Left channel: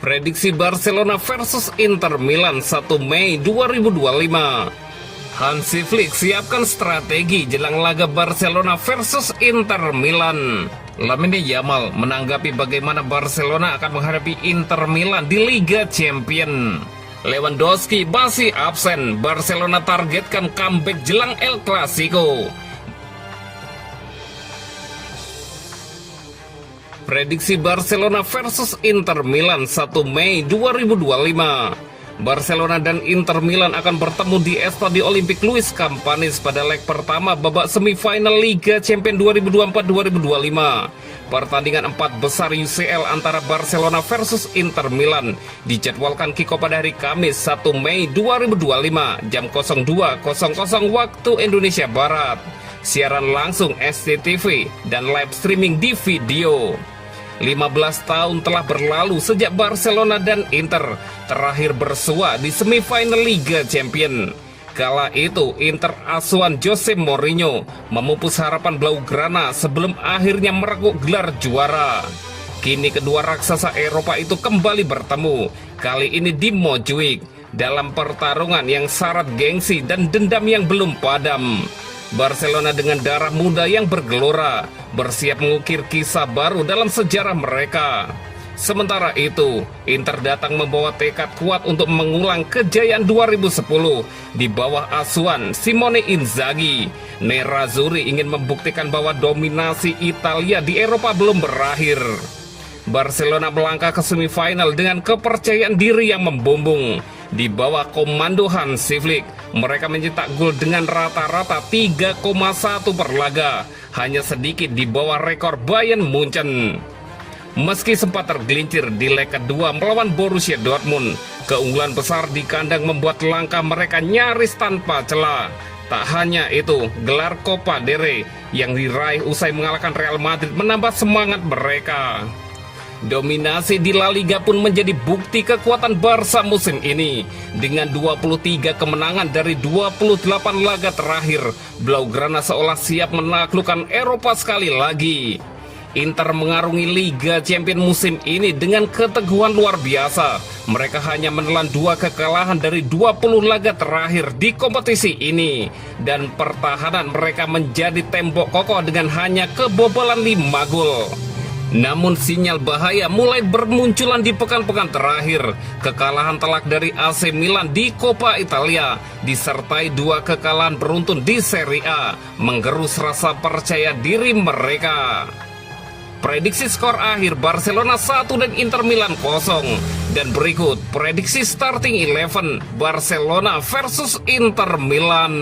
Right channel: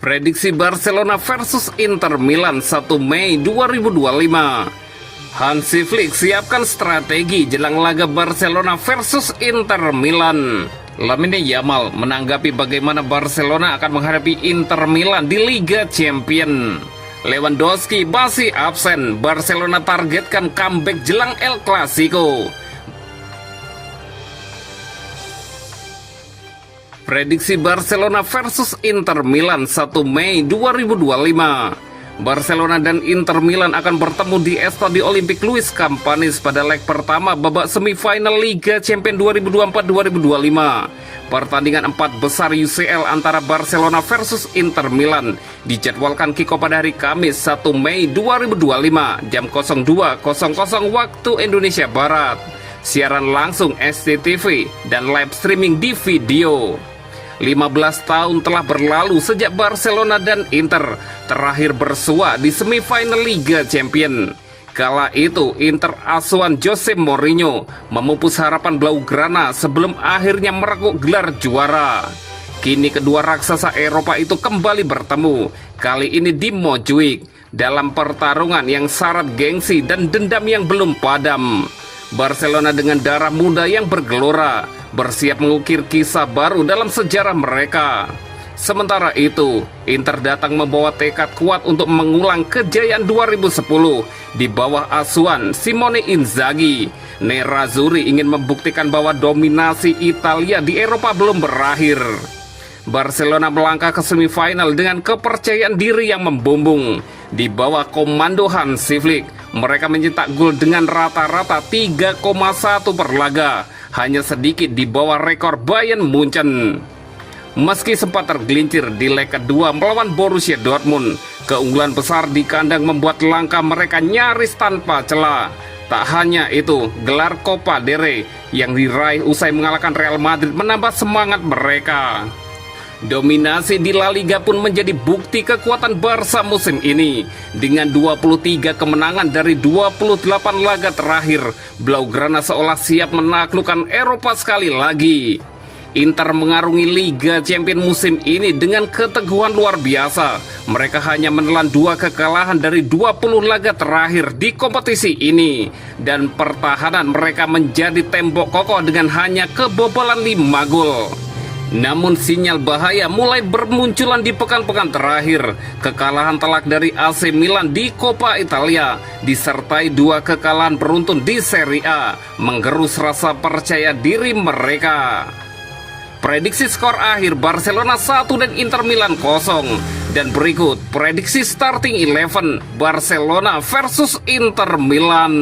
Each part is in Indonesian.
Prediksi Barcelona versus Inter Milan 1 Mei 2025. Hansi Flick siapkan strategi jelang laga Barcelona versus Inter Milan. Lamine Yamal menanggapi bagaimana Barcelona akan menghadapi Inter Milan di Liga Champions. Lewandowski masih absen, Barcelona targetkan comeback jelang El Clasico. Prediksi Barcelona versus Inter Milan 1 Mei 2025. Barcelona dan Inter Milan akan bertemu di Estadio Olympique Luis Companys pada leg pertama babak semifinal Liga Champions 2024-2025. Pertandingan 4 besar UCL antara Barcelona versus Inter Milan dijadwalkan kick-off pada hari Kamis 1 Mei 2025 jam 02.00 waktu Indonesia Barat. Siaran langsung SCTV dan live streaming di video. 15 tahun telah berlalu sejak Barcelona dan Inter terakhir bersua di semifinal Liga Champions. Kala itu Inter asuhan Jose Mourinho memupus harapan Blaugrana sebelum akhirnya merekuk gelar juara. Kini kedua raksasa Eropa itu kembali bertemu, kali ini di Montjuic, dalam pertarungan yang syarat gengsi dan dendam yang belum padam. Barcelona dengan darah muda yang bergelora bersiap mengukir kisah baru dalam sejarah mereka. Sementara itu, Inter datang membawa tekad kuat untuk mengulang kejayaan 2010 di bawah asuhan Simone Inzaghi. Nerazzurri ingin membuktikan bahwa dominasi Italia di Eropa belum berakhir. Barcelona melangkah ke semifinal dengan kepercayaan diri yang membumbung. Di bawah komando Hansi Flick, mereka mencetak gol dengan rata-rata 3,1 per laga, hanya sedikit di bawah rekor Bayern Munchen. Meski sempat tergelincir di leg kedua melawan Borussia Dortmund, keunggulan besar di kandang membuat langkah mereka nyaris tanpa celah. Tak hanya itu, gelar Copa del Rey yang diraih usai mengalahkan Real Madrid menambah semangat mereka. Dominasi di La Liga pun menjadi bukti kekuatan Barca musim ini. Dengan 23 kemenangan dari 28 laga terakhir, Blaugrana seolah siap menaklukkan Eropa sekali lagi. Inter mengarungi Liga Champions musim ini dengan keteguhan luar biasa. Mereka hanya menelan 2 kekalahan dari 20 laga terakhir di kompetisi ini. Dan pertahanan mereka menjadi tembok kokoh dengan hanya kebobolan 5 gol. Namun sinyal bahaya mulai bermunculan di pekan-pekan terakhir. Kekalahan telak dari AC Milan di Coppa Italia disertai 2 kekalahan beruntun di Serie A menggerus rasa percaya diri mereka. Prediksi skor akhir Barcelona 1 dan Inter Milan 0. Dan berikut prediksi starting 11 Barcelona versus Inter Milan.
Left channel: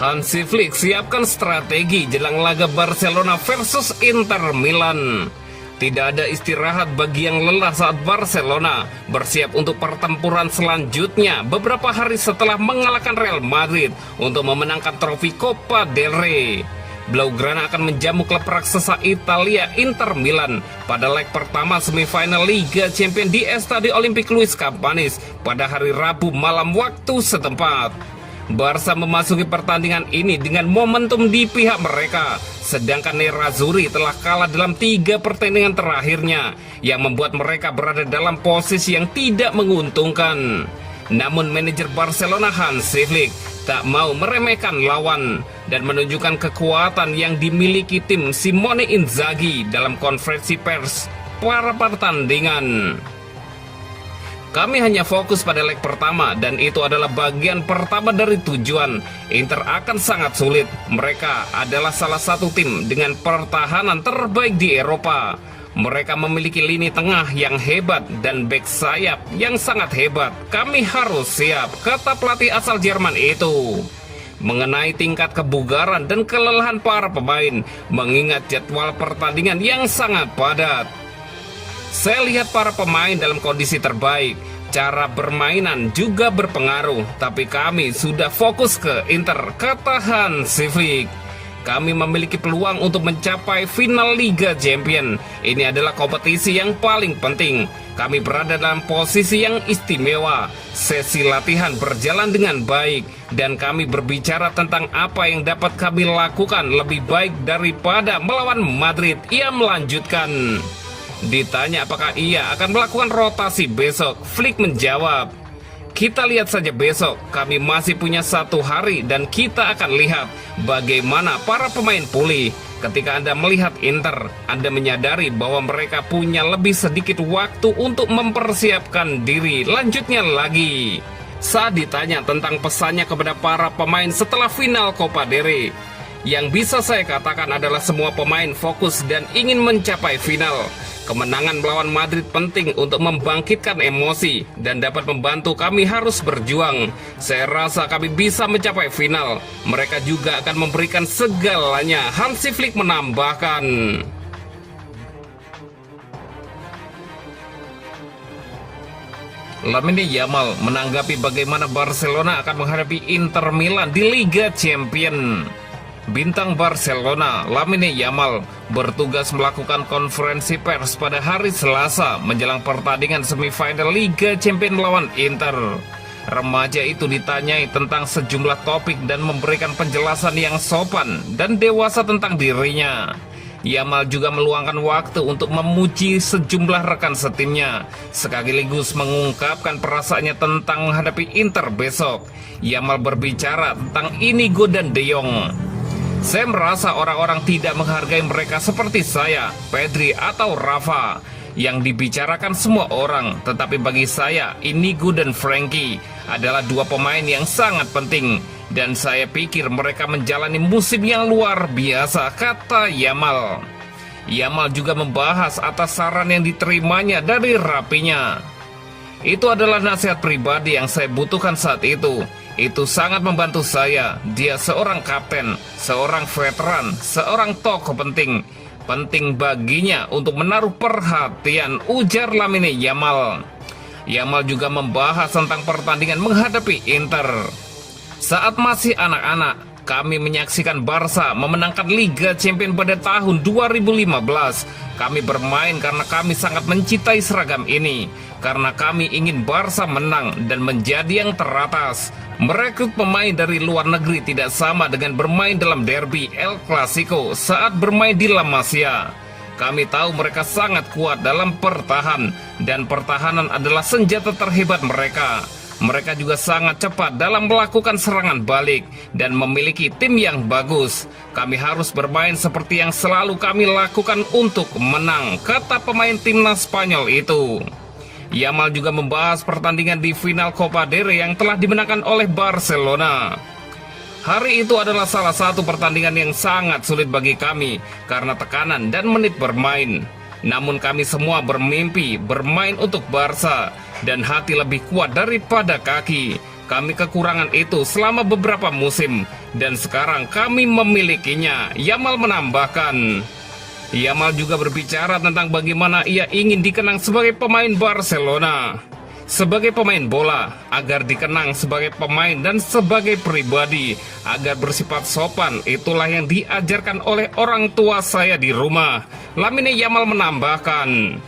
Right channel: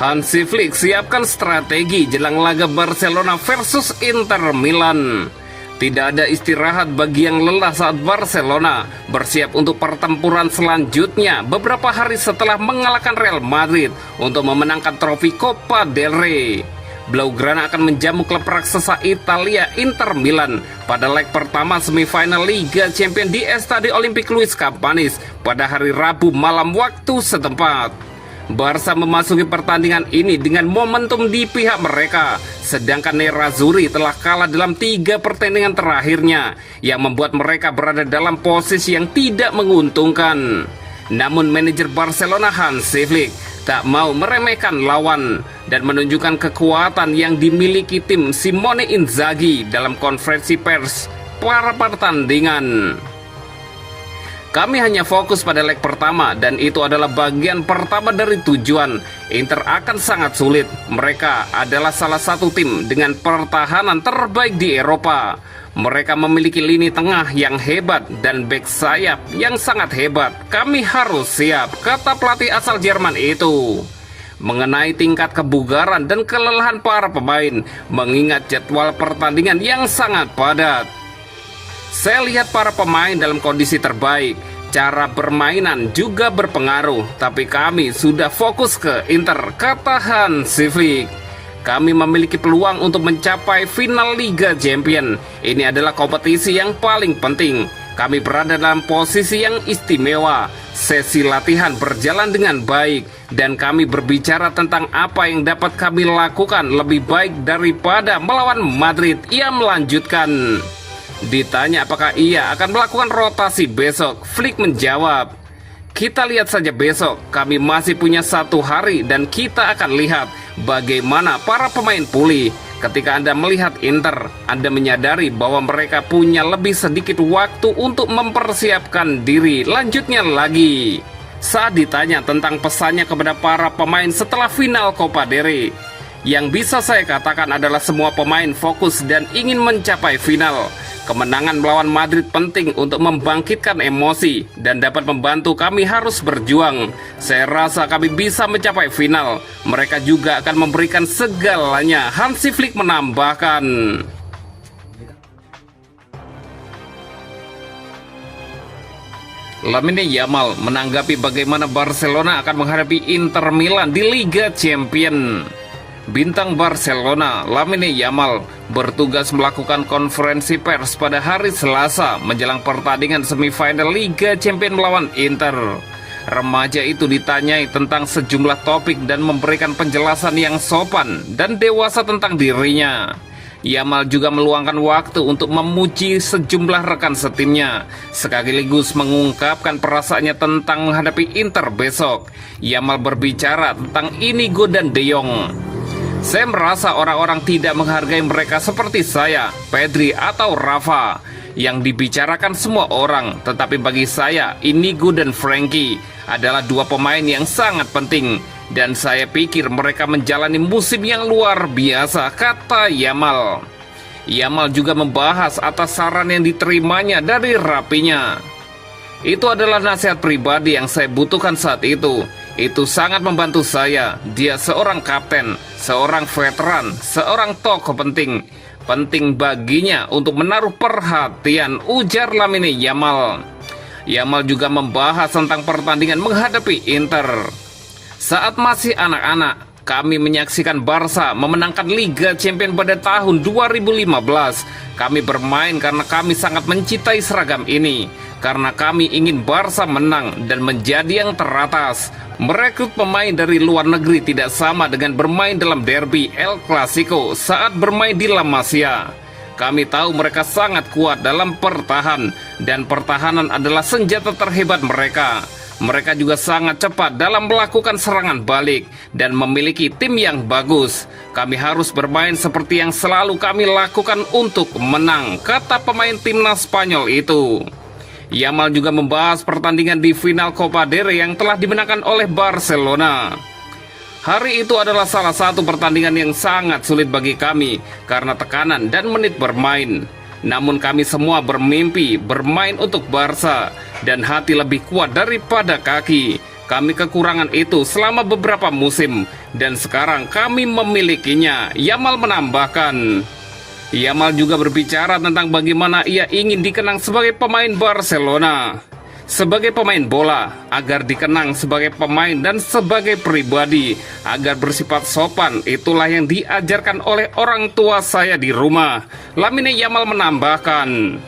Hansi Flick siapkan strategi jelang laga Barcelona versus Inter Milan. Tidak ada istirahat bagi yang lelah saat Barcelona bersiap untuk pertempuran selanjutnya beberapa hari setelah mengalahkan Real Madrid untuk memenangkan trofi Copa del Rey. Blaugrana akan menjamu klub raksasa Italia Inter Milan pada leg pertama semifinal Liga Champions di Estadio Olympique Luis Companys pada hari Rabu malam waktu setempat. Barca memasuki pertandingan ini dengan momentum di pihak mereka, sedangkan Nerazzurri telah kalah dalam 3 pertandingan terakhirnya yang membuat mereka berada dalam posisi yang tidak menguntungkan. Namun manajer Barcelona Hansi Flick tak mau meremehkan lawan dan menunjukkan kekuatan yang dimiliki tim Simone Inzaghi dalam konferensi pers para pertandingan. Kami hanya fokus pada leg pertama dan itu adalah bagian pertama dari tujuan. Inter akan sangat sulit. Mereka adalah salah satu tim dengan pertahanan terbaik di Eropa. Mereka memiliki lini tengah yang hebat dan bek sayap yang sangat hebat. Kami harus siap, kata pelatih asal Jerman itu. Mengenai tingkat kebugaran dan kelelahan para pemain, mengingat jadwal pertandingan yang sangat padat. Saya lihat para pemain dalam kondisi terbaik. Cara permainan juga berpengaruh, tapi kami sudah fokus ke Inter, kata Hansi Flick. Kami memiliki peluang untuk mencapai final Liga Champions. Ini adalah kompetisi yang paling penting. Kami berada dalam posisi yang istimewa. Sesi latihan berjalan dengan baik dan kami berbicara tentang apa yang dapat kami lakukan lebih baik daripada melawan Madrid. Ia melanjutkan. Ditanya apakah ia akan melakukan rotasi besok, Flick menjawab, "Kita lihat saja besok, kami masih punya 1 hari dan kita akan lihat bagaimana para pemain pulih. Ketika Anda melihat Inter, Anda menyadari bahwa mereka punya lebih sedikit waktu untuk mempersiapkan diri." Lanjutnya lagi, saat ditanya tentang pesannya kepada para pemain setelah final Copa del Rey, yang bisa saya katakan adalah semua pemain fokus dan ingin mencapai final. Kemenangan melawan Madrid penting untuk membangkitkan emosi dan dapat membantu kami harus berjuang. Saya rasa kami bisa mencapai final. Mereka juga akan memberikan segalanya, Hansi Flick menambahkan. Lamine Yamal menanggapi bagaimana Barcelona akan menghadapi Inter Milan di Liga Champions. Bintang Barcelona, Lamine Yamal, bertugas melakukan konferensi pers pada hari Selasa menjelang pertandingan semifinal Liga Champions melawan Inter. Remaja itu ditanyai tentang sejumlah topik dan memberikan penjelasan yang sopan dan dewasa tentang dirinya. Yamal juga meluangkan waktu untuk memuji sejumlah rekan setimnya, sekaligus mengungkapkan perasaannya tentang menghadapi Inter besok. Yamal berbicara tentang Inigo dan De Jong. "Saya merasa orang-orang tidak menghargai mereka seperti saya, Pedri atau Rafa, yang dibicarakan semua orang. Tetapi bagi saya, Inigo dan Frankie adalah 2 pemain yang sangat penting. Dan saya pikir mereka menjalani musim yang luar biasa," kata Yamal. Yamal juga membahas atas saran yang diterimanya dari rapinya. "Itu adalah nasihat pribadi yang saya butuhkan saat itu. Itu sangat membantu saya. Dia seorang kapten, seorang veteran, seorang tokoh penting. Penting baginya untuk menaruh perhatian," ujar Lamine Yamal. Yamal juga membahas tentang pertandingan menghadapi Inter. "Saat masih anak-anak, kami menyaksikan Barca memenangkan Liga Champions pada tahun 2015. Kami bermain karena kami sangat mencintai seragam ini. Karena kami ingin Barca menang dan menjadi yang teratas. Merekrut pemain dari luar negeri tidak sama dengan bermain dalam derby El Clasico saat bermain di La Masia. Kami tahu mereka sangat kuat dalam pertahanan, dan pertahanan adalah senjata terhebat mereka. Mereka juga sangat cepat dalam melakukan serangan balik dan memiliki tim yang bagus. Kami harus bermain seperti yang selalu kami lakukan untuk menang," kata pemain timnas Spanyol itu. Yamal juga membahas pertandingan di final Copa del Rey yang telah dimenangkan oleh Barcelona. "Hari itu adalah salah satu pertandingan yang sangat sulit bagi kami karena tekanan dan menit bermain. Namun kami semua bermimpi bermain untuk Barca dan hati lebih kuat daripada kaki. Kami kekurangan itu selama beberapa musim dan sekarang kami memilikinya," Yamal menambahkan. Yamal juga berbicara tentang bagaimana ia ingin dikenang sebagai pemain Barcelona, sebagai pemain bola, agar dikenang sebagai pemain dan sebagai pribadi, agar bersifat sopan. Itulah yang diajarkan oleh orang tua saya di rumah, Lamine Yamal menambahkan.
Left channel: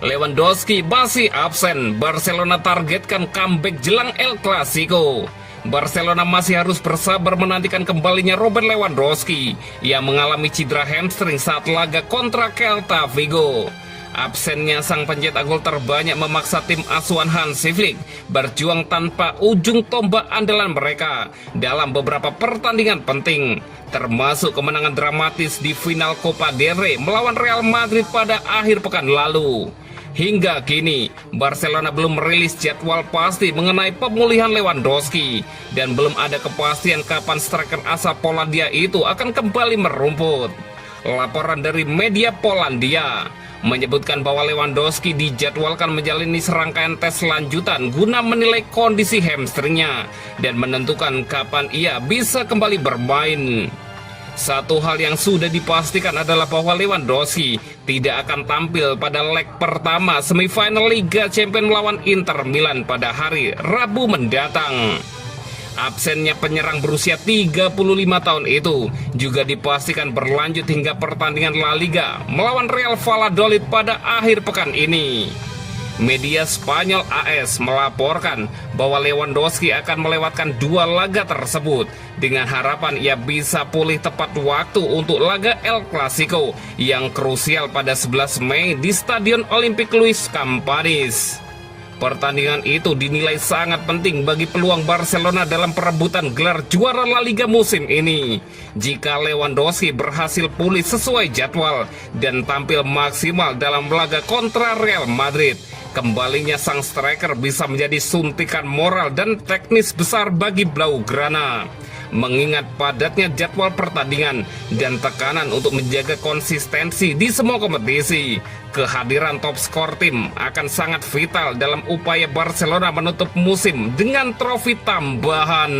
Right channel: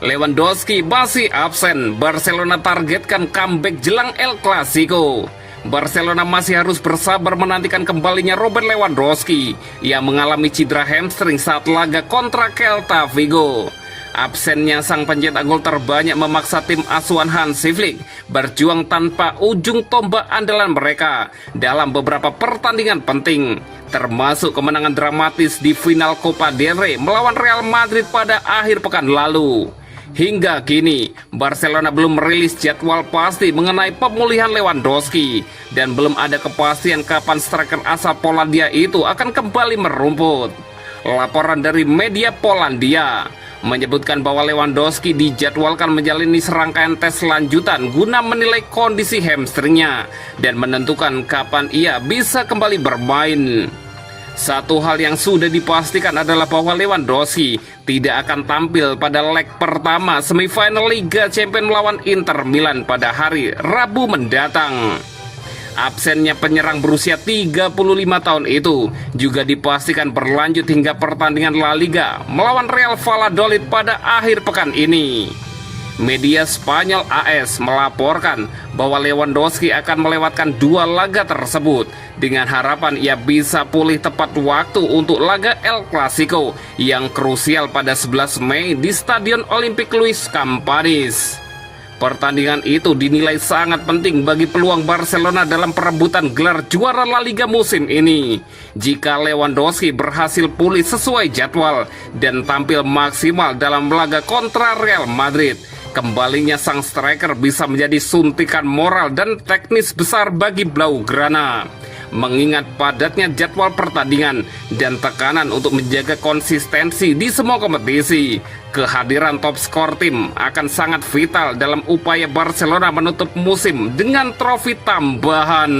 Lewandowski masih absen. Barcelona targetkan comeback jelang El Clasico. Barcelona masih harus bersabar menantikan kembalinya Robert Lewandowski yang mengalami cedera hamstring saat laga kontra Celta Vigo. Absennya sang pencetak gol terbanyak memaksa tim asuhan Hansi Flick berjuang tanpa ujung tombak andalan mereka dalam beberapa pertandingan penting, termasuk kemenangan dramatis di final Copa del Rey melawan Real Madrid pada akhir pekan lalu. Hingga kini, Barcelona belum merilis jadwal pasti mengenai pemulihan Lewandowski dan belum ada kepastian kapan striker asal Polandia itu akan kembali merumput. Laporan dari media Polandia menyebutkan bahwa Lewandowski dijadwalkan menjalani serangkaian tes lanjutan guna menilai kondisi hamstringnya dan menentukan kapan ia bisa kembali bermain. Satu hal yang sudah dipastikan adalah bahwa Lewandowski tidak akan tampil pada leg pertama semifinal Liga Champions melawan Inter Milan pada hari Rabu mendatang. Absennya penyerang berusia 35 tahun itu juga dipastikan berlanjut hingga pertandingan La Liga melawan Real Valladolid pada akhir pekan ini. Media Spanyol AS melaporkan bahwa Lewandowski akan melewatkan 2 laga tersebut dengan harapan ia bisa pulih tepat waktu untuk laga El Clasico yang krusial pada 11 Mei di Stadion Olympic Luis Companys. Pertandingan itu dinilai sangat penting bagi peluang Barcelona dalam perebutan gelar juara La Liga musim ini. Jika Lewandowski berhasil pulih sesuai jadwal dan tampil maksimal dalam laga kontra Real Madrid, kembalinya sang striker bisa menjadi suntikan moral dan teknis besar bagi Blaugrana. Mengingat padatnya jadwal pertandingan dan tekanan untuk menjaga konsistensi di semua kompetisi, kehadiran top skor tim akan sangat vital dalam upaya Barcelona menutup musim dengan trofi tambahan.